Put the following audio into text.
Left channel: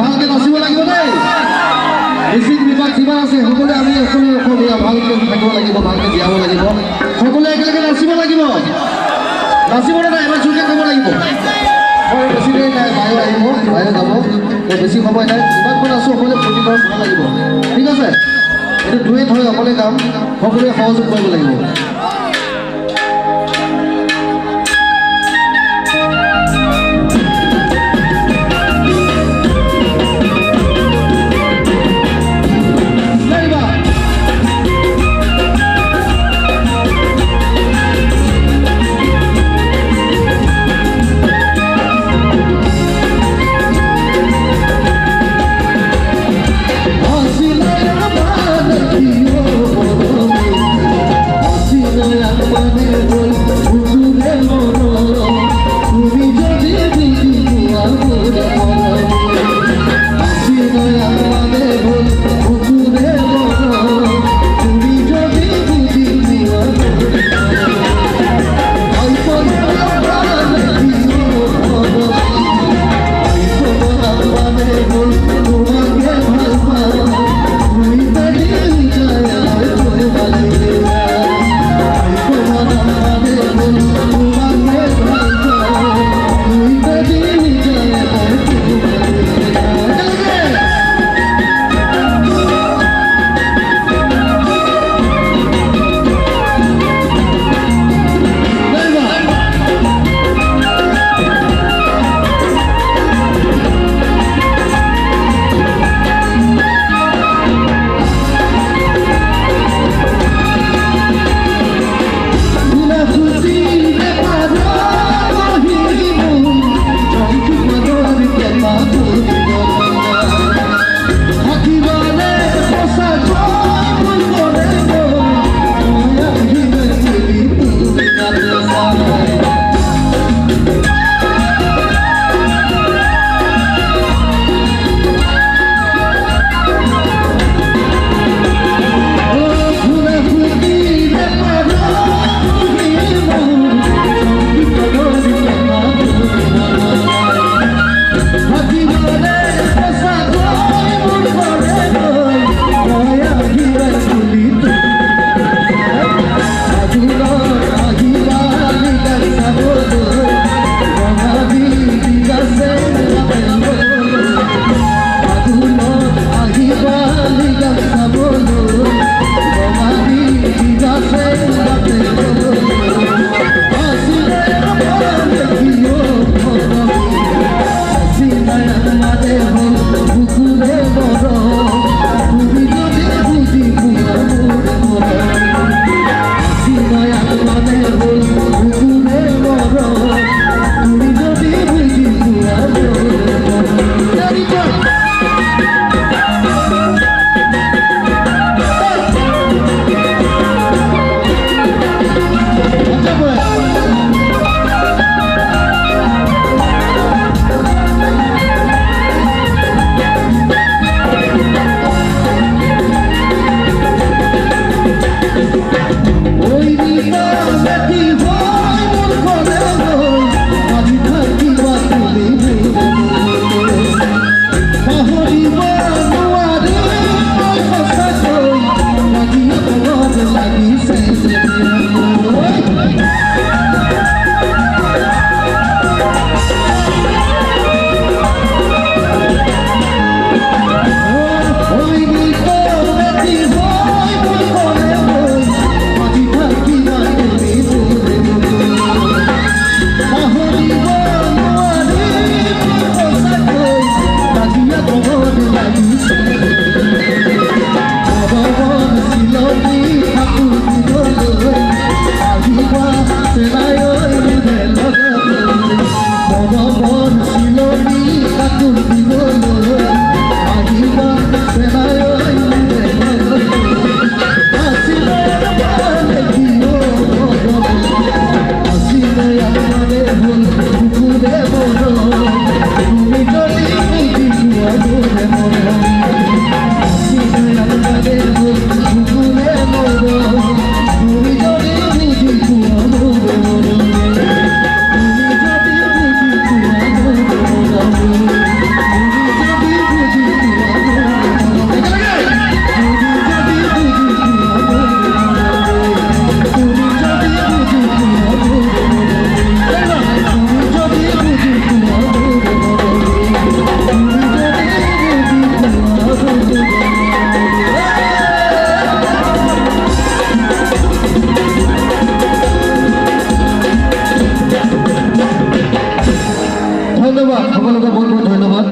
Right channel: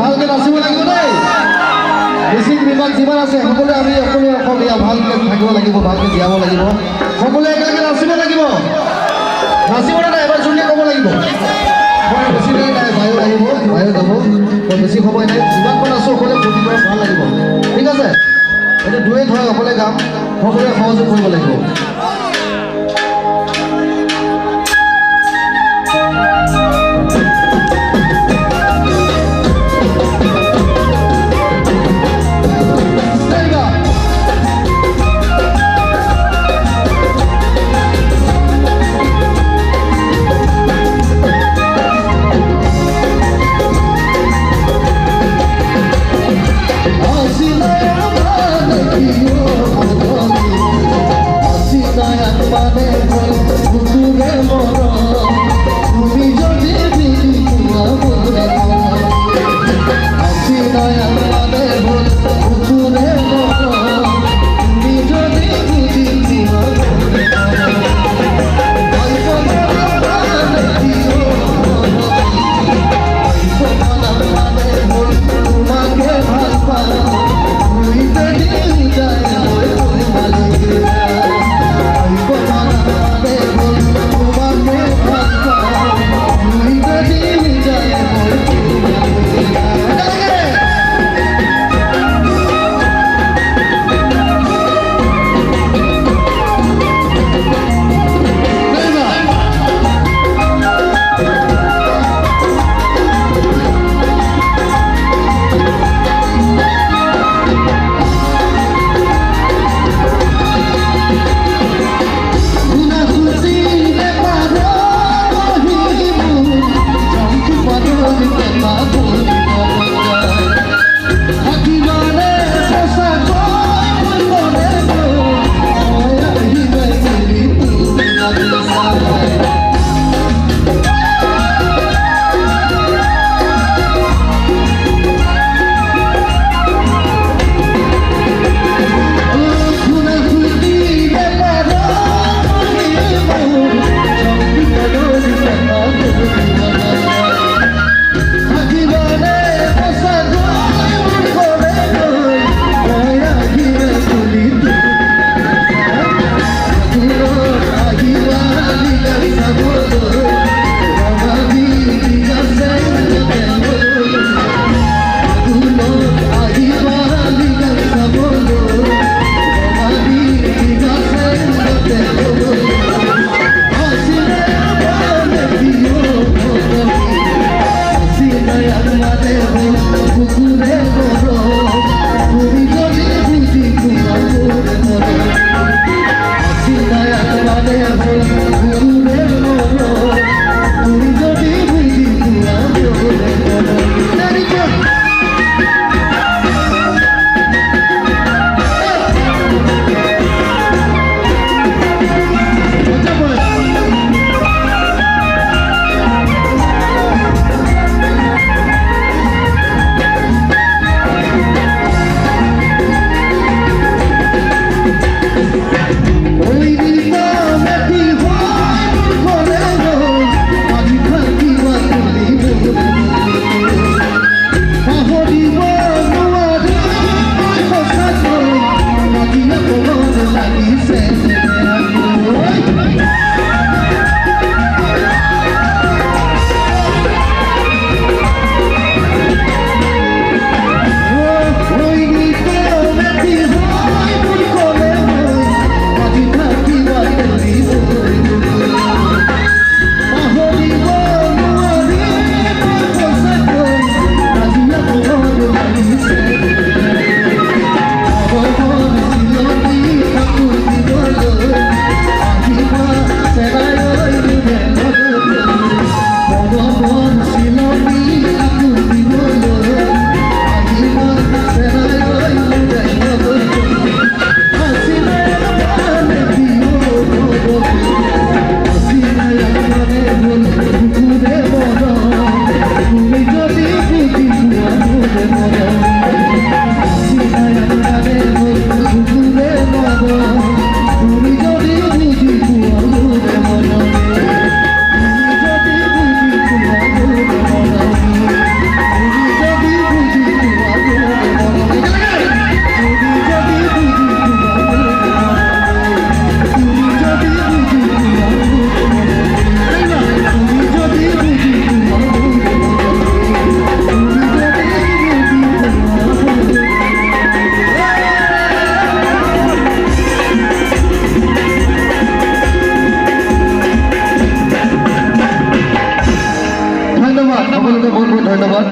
ভালকে নাচিব লাগিব দেই মিচিং বিভাগ যিমান আছে সকলোৱে আমি অসমীয়া অসমীয়া ভালকে থাকিব লাগিব ভালকে জীয়াব লাগিব সকলোৱে একেলগে নাচিব লাগিব নাচিবলৈ নাই এবাৰ জোৰকৈ ক'ব লাগিব বেছিকৈ নাই বায়ু আহিব বায়ু যাব বেছি সময় নাই যিমানখন আছোঁ সকলোৱে ফূৰ্তি কৰা ভাল লাগিব ঠিক আছে এইটো দুৱেই হয় অকলে গাম সকলোৱে সহযোগ কৰিব লাগিব Así no hay ধন্যবাদ সকলোকে বহুত বহুত ধন্যবাদ